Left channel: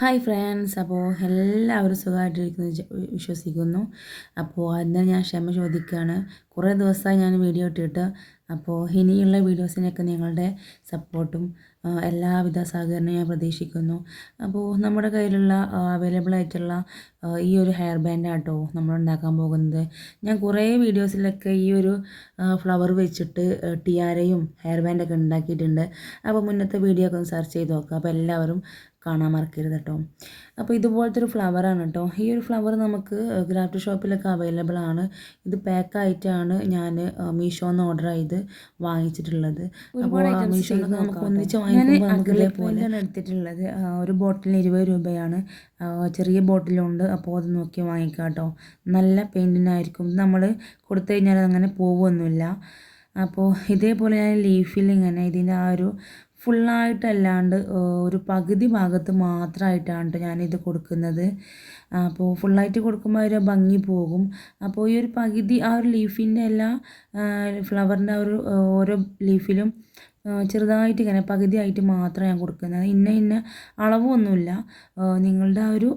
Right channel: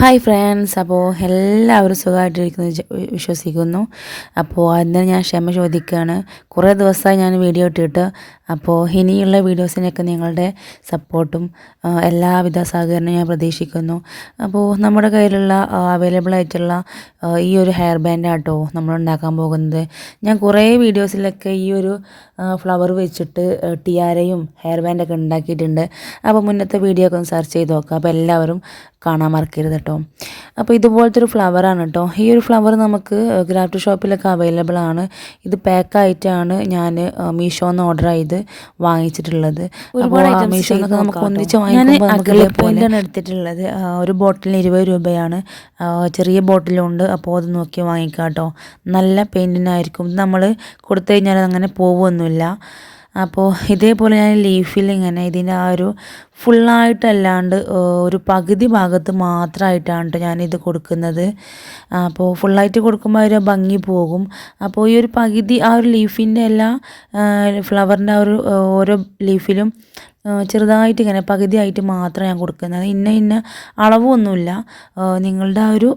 Hi friends, അപ്പോൾ എല്ലാവരും സുഖമായിട്ടിരിക്കുന്നു വിശ്വസിക്കുന്നു. അപ്പോൾ അതിന് ഞാൻ ക്ഷമ ചോദിക്കുകയാണ്. കുറേ ദിവസമായി ഞാൻ വീഡിയോ ഇട്ടിട്ട്. അപ്പോൾ ഇനിയുള്ള വീഡിയോസിനൊക്കെ നിങ്ങളുടെ സപ്പോർട്ടും എല്ലാവിധ സഹകരണവും ഞാൻ പ്രതീക്ഷിക്കുന്നു. അപ്പോൾ നമ്മുടെ കയ്യിലുള്ള അവൈലബിൾ ആയിട്ടുള്ള ഈ ഒരു ഹെയർ ബാൻഡാട്ടോ നമ്മൾ ഉണ്ടാക്കാൻ പോകുന്നത്. ഞാൻ കുറേ വീഡിയോസിലൊക്കെ ഈ ഒരു ഫ്ലവർ വെച്ചിട്ട് ടിയാരയും ഹെയർ ബാൻഡൊക്കെ ഉണ്ടാക്കിയിട്ടുണ്ട്. അപ്പോൾ മുന്നത്തെ വീഡിയോ ഒക്കെ ഒന്ന് സെർച്ച് ചെയ്ത് നോക്കാം. അപ്പോൾ എല്ലാവരും കാണാൻ മറക്കരുത് കേട്ടോ. അപ്പോൾ ഇതുപോലത്തെ ഒരു ഫ്ലവറാണ് കേട്ടോ. ഈ ഒരു ഫ്ലവർ നമുക്ക് ക്രാഫ്റ്റ് ഷോപ്പിലൊക്കെ അവൈലബിൾ ആണ്. ഇത് പാക്കായിട്ടാണ് ഞാൻ മീഷോന്ന് ഓർഡർ ചെയ്ത് വാങ്ങിച്ചിട്ടുള്ളത്. ഒരുപാട് മീഷോന്നൊക്കെ നമുക്ക് ഒന്നിച്ച് വാങ്ങിക്കുമ്പോൾ നമുക്ക് ഇതേപോലെയാണ് എടുത്തിട്ടുള്ളത്. ഒരു ബോട്ടിലിന് 20 രൂപയാണ്. ചെറിയ ബോട്ടിലുണ്ട്. അപ്പോൾ അത് നോക്കി വാങ്ങിക്കാം കേട്ടോ. നല്ല പെയിൻറ്റിനായിരിക്കും. നമ്മൾ കൊടുത്തു കഴിഞ്ഞാൽ അങ്ങനെ പോകുമൊന്നുമില്ല. അപ്പോൾ ഇതേപോലെ ഞാൻ ലീഫിൽ ഇങ്ങനെ ഇതിൻ്റെ ആ ഒരു ഫുള്ളായിട്ടല്ലാണ്ട് ഒരു പകുതി ഭാഗത്ത് മാത്രമായിട്ടാണ് കേട്ടോ ഞാനിത് കൊടുക്കുന്നത്. അപ്പോൾ ഫുള്ളായിട്ട് കൊടുക്കുമ്പോൾ ഒരു ഭംഗി പോകും. അപ്പോൾ ഈ ഒരു പകുതി ആ ഒരു ലീഫിൻ്റെ എല്ലാ ഫ്ലവറിൻ്റെ ആ ഒരു ഓരോ ലീഫിലും ചെറുതായിട്ട് ഇങ്ങനെ പകുതിയായിട്ട് മാത്രം ഞാൻ കൊടുക്കുന്നത്. ഇന്ന അളവൊന്നുമില്ല. നിങ്ങളുടെ ആ ഒരു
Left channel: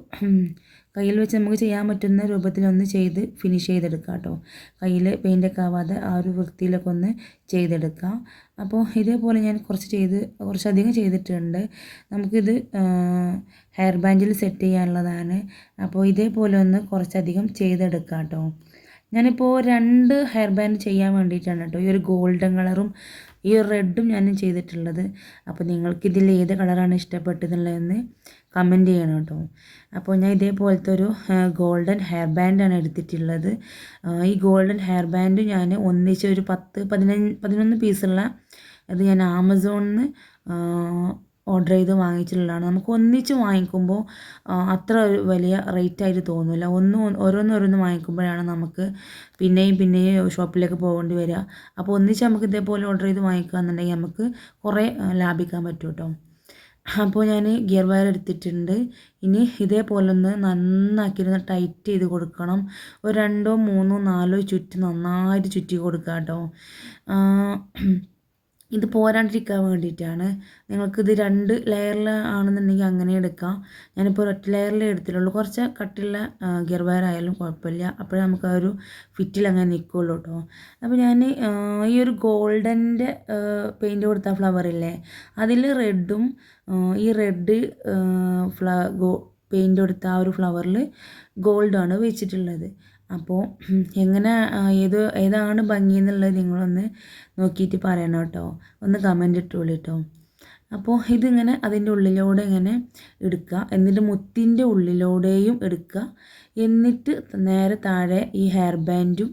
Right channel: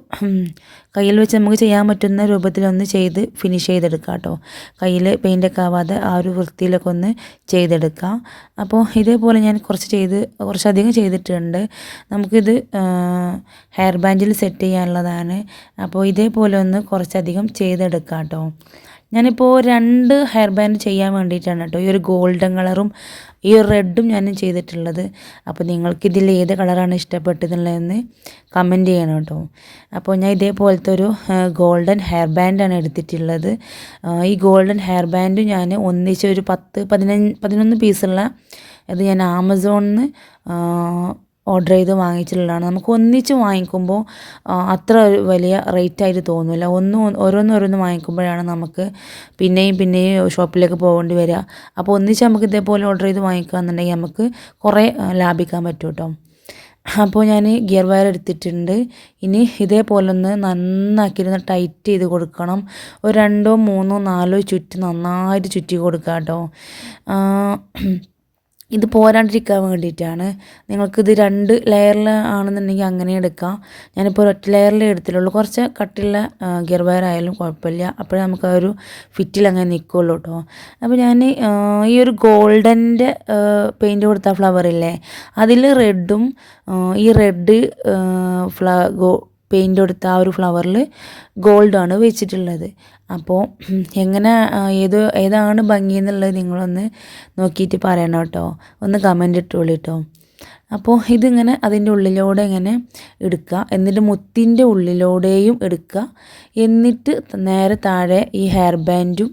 കയ്യിൽ വെച്ച് നമുക്ക് ചെയ്യാൻ പറ്റുന്ന രൂപത്തിലൊന്ന് ചെയ്ത് ഫിനിഷ് ചെയ്തെടുക്കാം കേട്ടോ. കയ്യിൽ പെയിൻ്റൊക്കെ ആവാതെ ആ ഒരു വൃത്തിയിലൊക്കെ ഒന്ന് ചെയ്തെടുക്കാം. അപ്പോൾ ഇതേപോലെ ഞാൻ കുറച്ചധികം ചെയ്തിട്ടുണ്ട്. നമുക്കിത് ഹെയർ ബാൻഡിൽ സെറ്റ് ചെയ്യാനുള്ളതാണ്. അപ്പോൾ ഇതേപോലെ ഒന്ന് കുറച്ചധികം ചെയ്തെടുക്കാം കേട്ടോ. ഞാനിപ്പോൾ 2 ഹെയർ ബാൻഡ് ചെയ്യാൻ വേണ്ടിയിട്ടാണ് കേട്ടോ ഈ ഒരു ഗോൾഡൻ കളറും ഈ ഒരു റെഡും ഞാൻ ചെയ്തിട്ടുള്ളത്. അപ്പോൾ നിങ്ങൾക്കിതിൽ ഏത് കളറാണ് ഇഷ്ടപ്പെട്ടതെന്നുള്ളതെന്ന് കമൻറ്റ് ചെയ്യണം കേട്ടോ. അപ്പോൾ ഞാൻ ഇതേപോലത്തെ ഒരു ഗോൾഡൻ ഹെയർ ബാൻഡാണ് എടുത്തിട്ടുള്ളത്. ഈ ഗോൾഡൻ ഹെയർ ബാൻഡ് ഞാൻ ഒന്നിച്ച് ഒരു 11 പീസുള്ള ഇത് ഞാൻ ആമസോണിൽ നിന്ന് ഓർഡർ ചെയ്ത് വാങ്ങിച്ചിട്ടുള്ളതാണ്. നമുക്ക് ഒന്നിച്ച് വാങ്ങിക്കുമ്പോൾ അത്ര വലിയ റേറ്റായിട്ട് തോന്നില്ല. ഓരോന്ന് വാങ്ങിക്കുമ്പോഴാണ് നമുക്ക് പിന്നെയും ഷോപ്പിലേക്ക് പോകേണ്ടി വരിക. അപ്പോൾ ഒന്നിച്ച് നമുക്ക് ഇതേപോലെ ഓർഡർ ചെയ്ത് വാങ്ങിക്കുകയെന്നുണ്ടെങ്കിൽ നമുക്ക് കുറേ ലാഭിക്കാൻ പറ്റും കേട്ടോ. അപ്പോൾ ഞാൻ ഗിയർ വയർ എടുത്തിട്ടുണ്ട്. ഇനി ഇതേപോലെ ഒന്ന് നന്നാക്കിയിരുന്ന് ടൈറ്റ് ചെയ്ത് കൊടുക്കണം. ഒരു 2, 3, 4 ചുറ്റ് നന്നായിട്ട് ചുറ്റി കൊടുക്കുക കേട്ടോ. ഇത് പോരാണ്ടിരിക്കാൻ വേണ്ടിയിട്ടാണ്. നിങ്ങൾക്കിത് 2 ലെയറിൽ ആണെന്നുണ്ടെങ്കിൽ അങ്ങനെ എടുക്കാം. ഞാനിപ്പോൾ ഒരൊറ്റ ലെയറിലേ എടുത്തിട്ടുള്ളൂ. കുറച്ച് കട്ടിയുള്ള ഗിയർ വയർ ആയാലും കുഴപ്പമില്ല. അപ്പോഴേ നമുക്ക് ആ ഒരു ഫിറ്റിൽ അങ്ങനെ നിൽക്കുള്ളൂ കേട്ടോ. അപ്പോൾ ഞാൻ ഈ ഒരു ഗോൾഡൻ്റെ പെയിൻറ്റ് കൊടുത്ത ഫ്ലവറില്ലേ, അതിൽ റെഡും ഈ റെഡ് പെയിൻറ്റ് കൊടുത്ത ആ ഒരു ഫ്ലവറിൽ ഗോൾഡാണ് വെച്ചിട്ടുള്ളത്. അപ്പോൾ എങ്ങനെ ഏതാണ് ഭംഗി എന്നുള്ളത് നിങ്ങളൊന്ന് നോക്കിയിട്ട് പറയണം കേട്ടോ. ഒന്ന് കമൻ്റ് ഇട്ടോളൂ കേട്ടോ. അപ്പോൾ ഇതിങ്ങനെ അതിൻ്റെ ഉള്ളിലൂടെ ഇങ്ങനെ എടുക്കുക. എന്നിട്ട് മുത്തിൻ്റെ ഉള്ളിലൂടെയും എടുക്കുക. എന്നിട്ട് നേരെ താഴെ ഈ ഹെയർ ബാൻഡും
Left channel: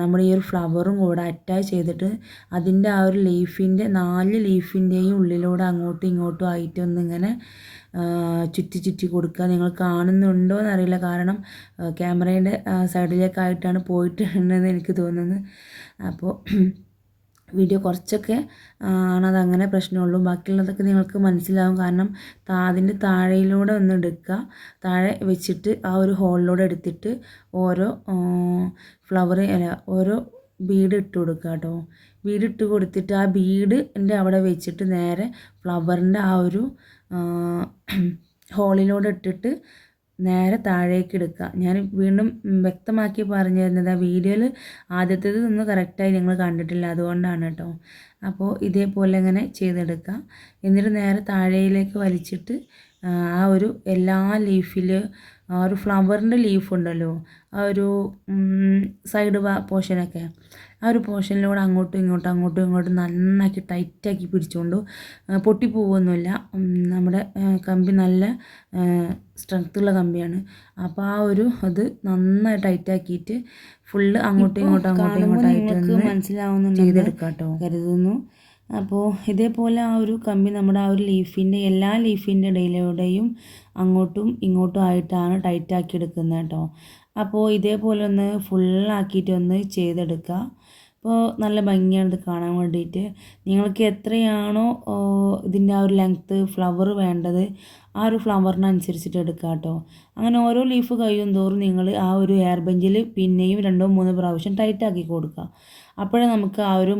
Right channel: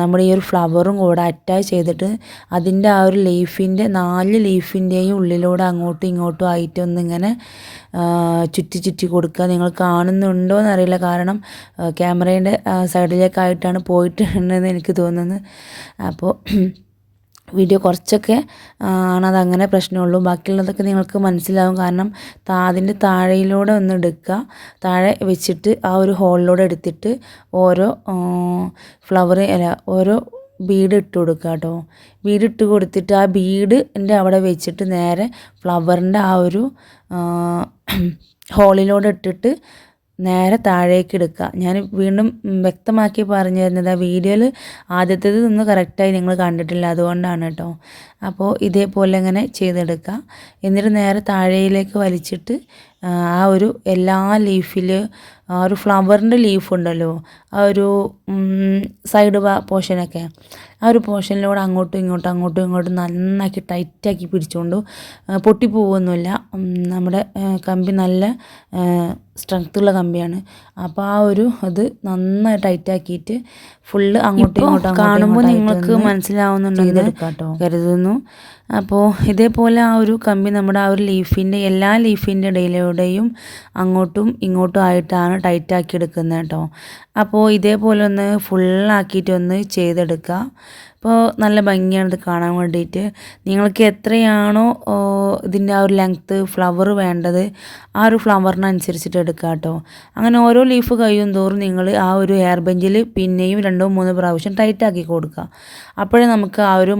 നമ്മുടെ ഈ ഒരു ഫ്ലവറും കൂടെ അറ്റാച്ച് ചെയ്തിട്ട് അതിൻ്റെ ആ ഒരു ലീഫിൻ്റെ 4 ലീഫിൻ്റെയും ഉള്ളിലൂടെ അങ്ങോട്ടും ഇങ്ങോട്ടും ആയിട്ടൊന്നിങ്ങനെ ചുറ്റി കൊടുക്കുക. നിങ്ങൾ കാണുന്നുണ്ടോ എന്നറിയില്ല, കാരണം ക്യാമറേൻ്റെ സൈഡിലേക്കായിട്ടാണ് പോയിട്ടുണ്ടെന്ന് എനിക്ക് തോന്നുന്നത്. അപ്പോൾ വീഡിയോ കുറച്ചൊക്കെ ആണത് അങ്ങനെ പ്രശ്നമുള്ളൂ. ബാക്കിയുള്ളതൊക്കെ നിങ്ങൾക്ക് മനസ്സിലാവും. കാരണം അതിൻ്റെ താഴെയിലൂടെ ഒന്ന് എടുക്കുക. താഴെ വെച്ചിട്ട് ആ ഒരു ഹോളിലൂടെ എടുത്തിട്ട് ഓരോ ഓരോ ബീഡ് ഇട്ട് കൊടുക്കുക കേട്ടോ. ബീഡ് ഇട്ട് കൊടുത്തിട്ട് ആ ബീഡിൻ്റെ അവിടെ വെച്ചിട്ട് നേരെ ഫ്ലവറിൻ്റെ ആ ഒരു ഹോളിലൂടെ ഇട്ടിട്ട് നേരെ താഴേക്ക് എടുക്കുക. ഞാൻ വീണ്ടും വ്യക്തമാക്കി പറഞ്ഞു തരുന്നത് ആ വീഡിയോയിൽ ആദ്യത്തേത് ഒന്ന് കറക്റ്റായി നിങ്ങൾ കണ്ടിട്ടില്ല, അതുകൊണ്ടാണ് കേട്ടോ. അപ്പോൾ ഇതേപോലെ ഇങ്ങനെ ചെയ്തെടുക്കുക. എന്നിട്ട് നേരെ താഴേയിലേക്ക് വലിച്ചിട്ട് ആ ഒരു എല്ലാ ലീഫിൽ ആ ഒരു ഫ്ലവറിൻ്റെ ലീഫ് ഉണ്ടല്ലോ, ആ ഒരു സൈഡ് പോർഷനൊക്കെ, ആ ഒരു പോർഷനിലൂടെ അങ്ങോട്ടും ഇങ്ങോട്ടും നന്നാക്കി ടൈറ്റാക്കി പിടിച്ചുകൊണ്ട് പൊട്ടിപ്പോകുന്നില്ല. നമ്മുടെ കമ്പി നല്ല സ്ട്രെങ്ത്തുള്ള കമ്പിയാണ്. അപ്പോൾ ആ ഒരു അത് നന്നായി ടൈറ്റാക്കിയിട്ട് ഫുള്ള് അങ്ങോട്ടും കാണുമ്പോൾ നിങ്ങൾക്ക് മനസ്സിലാവുന്നുണ്ടെന്ന് കരുതുന്നു. അപ്പോൾ ഇതേപോലെ ആ ഒരു കമ്പി നമ്മുടെ ആ ഒരു എല്ലാ ലീഫിൻ്റെ ഇടയിലൂടെയും അങ്ങോട്ടും ഇങ്ങോട്ടും ആയിട്ടാണ് ടൈറ്റാക്കി എടുക്കുന്നത് കേട്ടോ. അപ്പോൾ ഇതേപോലെ ഒന്ന് ഫുള്ളാക്കിയിട്ടൊന്ന് ചെയ്തെടുക്കുക. അപ്പോൾ നല്ല ഭംഗിയാണ് ഇത് കാണാൻ വേണ്ടിയിട്ട്. നിങ്ങൾക്ക് എത്രയാണോ ഇതിൻ്റെ ആ ഒരു ലെങ്ത്ത് ഫ്ലവർ വേണ്ടത് ആ ഒരു ഫ്ലവറിനനുസരിച്ചിട്ട് എടുക്കുക കേട്ടോ. അങ്ങനെ ഓരോ ലീഫ് കഴിയും തോറും നിങ്ങൾ ആ ഒരു ഹെയർ ബെഞ്ചിൽ പിന്നെയും 2-3 പ്രാവശ്യം ടൈറ്റാക്കി കൊടുക്കുക. അപ്പോഴേ നമുക്ക് ആ ഒരു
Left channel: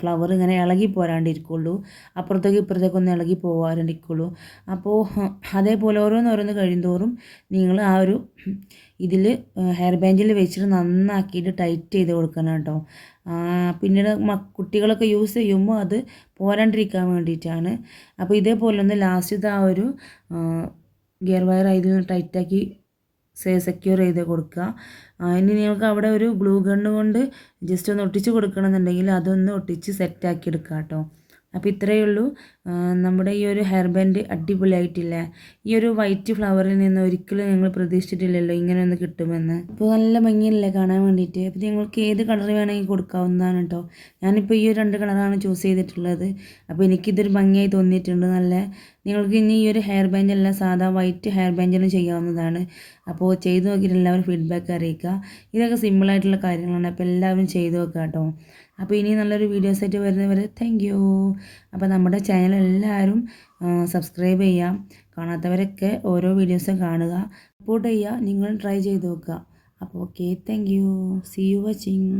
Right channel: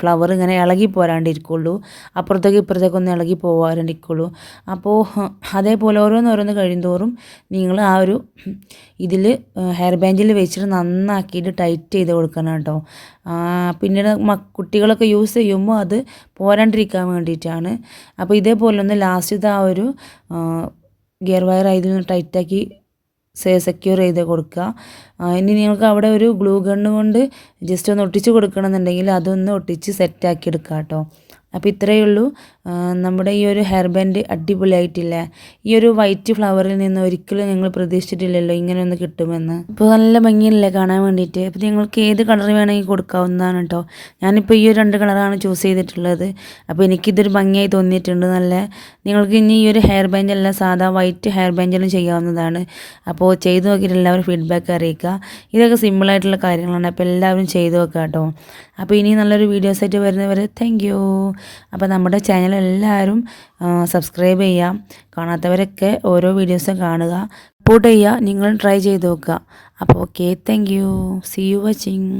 ഫ്ലവർ ഇങ്ങനെ ഇളകി പോരാണ്ടിരിക്കുള്ളൂ, അപ്പുറത്തേക്ക് ഇപ്പുറത്തേക്കൊന്നും ഇളകി പോകാണ്ടിരിക്കുള്ളൂ. അപ്പോൾ അതേപോലെ ഓരോന്നോരോന്ന് കഴിയുന്തോറും നിങ്ങൾ ആ ഒരു ഇതിൽ ഹെയർ ബാൻഡിൽ വെച്ചിട്ട് നന്നാക്കിയിട്ട് ടൈറ്റ് ചെയ്ത് കൊടുക്കണം കേട്ടോ. പിന്നീട് കുട്ടികളൊക്കെ യൂസ് ചെയ്യുമ്പോൾ അത് പോരാണ്ടിരിക്കാൻ വേണ്ടിയിട്ടാണ്. അപ്പോൾ ഇതേപോലെ ഒന്ന് ലാസ്റ്റത്തെ ആ ഒരു ഗിയർ വയർ ഇതിൽ ടൈറ്റാക്കി സെക്യൂർ ചെയ്ത് കൊടുക്കുക. ഇനി നിങ്ങൾക്ക് അവിടെ ഒരു ഗ്ലൂ ഗണ്ണ് കൊണ്ട് ജസ്റ്റ് ഒന്ന് ഒട്ടിച്ച് കൊടുക്കണമെന്നുണ്ടെങ്കിൽ അതൊന്ന് ഒട്ടിച്ച് സെറ്റാക്കി എടുക്കുക കേട്ടോ. അപ്പോൾ ഇത്രയേ ഉള്ളൂ. നമ്മുടെ ഈ ഒരു ഹെയർ ബാൻഡ് അടിപൊളിയായിട്ടില്ലേ? ഈ ഒരു വൈറ്റ് ഫ്ലവറിൽ നിന്ന് ഒരിക്കലും നിങ്ങൾ പ്രതീക്ഷിച്ചിട്ടില്ലല്ലോ ഇങ്ങനെ ഒന്ന് കിട്ടുമെന്ന്. ഇപ്പോൾ നല്ല ഭംഗിയില്ലേ കാണാൻ വേണ്ടിയിട്ട്. അപ്പോൾ നിങ്ങൾക്ക് ഏത് കളർ വേണമെങ്കിൽ കൊടുക്കാവുന്നതാണ് കേട്ടോ. ഞാനിപ്പോൾ ഈ ഒരു 2 കളറാണ് ചൂസ് ചെയ്തിട്ടുള്ളത്. അപ്പോൾ എനിക്കിതൊരു ഭംഗിയായി തോന്നിയിട്ടുണ്ട് നല്ല. നിങ്ങൾക്ക് ഇനി ഈ ഒരു ഹെയർ ബാൻഡ് അല്ല സാധാ വൈറ്റ് ഹെയർ ബാൻഡിലും ചെയ്യാവുന്നതാണ്. അപ്പോൾ ചെയ്ത് നോക്കിയിട്ട് എല്ലാവരും ഫീഡ്ബാക്ക് അറിയിക്കുക. ഇതൊക്കെ സിമ്പിളായിട്ടുള്ള കാര്യങ്ങളാണ്. അപ്പോൾ എല്ലാവരും ചെയ്ത് നോക്കുക കേട്ടോ. അപ്പോൾ ഇനി നല്ലൊരു വീഡിയോസായിട്ട് വരുന്നവരെ താങ്ക് യു. അപ്പോൾ നമ്മുടെ ചാനൽ എല്ലാവരും സബ്സ്ക്രൈബ് ചെയ്യാം. കാണാത്തവരൊക്കെ ഓരോ വീഡിയോസും കാണുക, സപ്പോർട്ട് ചെയ്യുക. നിങ്ങൾ ട്രൈ ചെയ്ത് നോക്കുക. അപ്പോൾ okay, thank you. See you watching.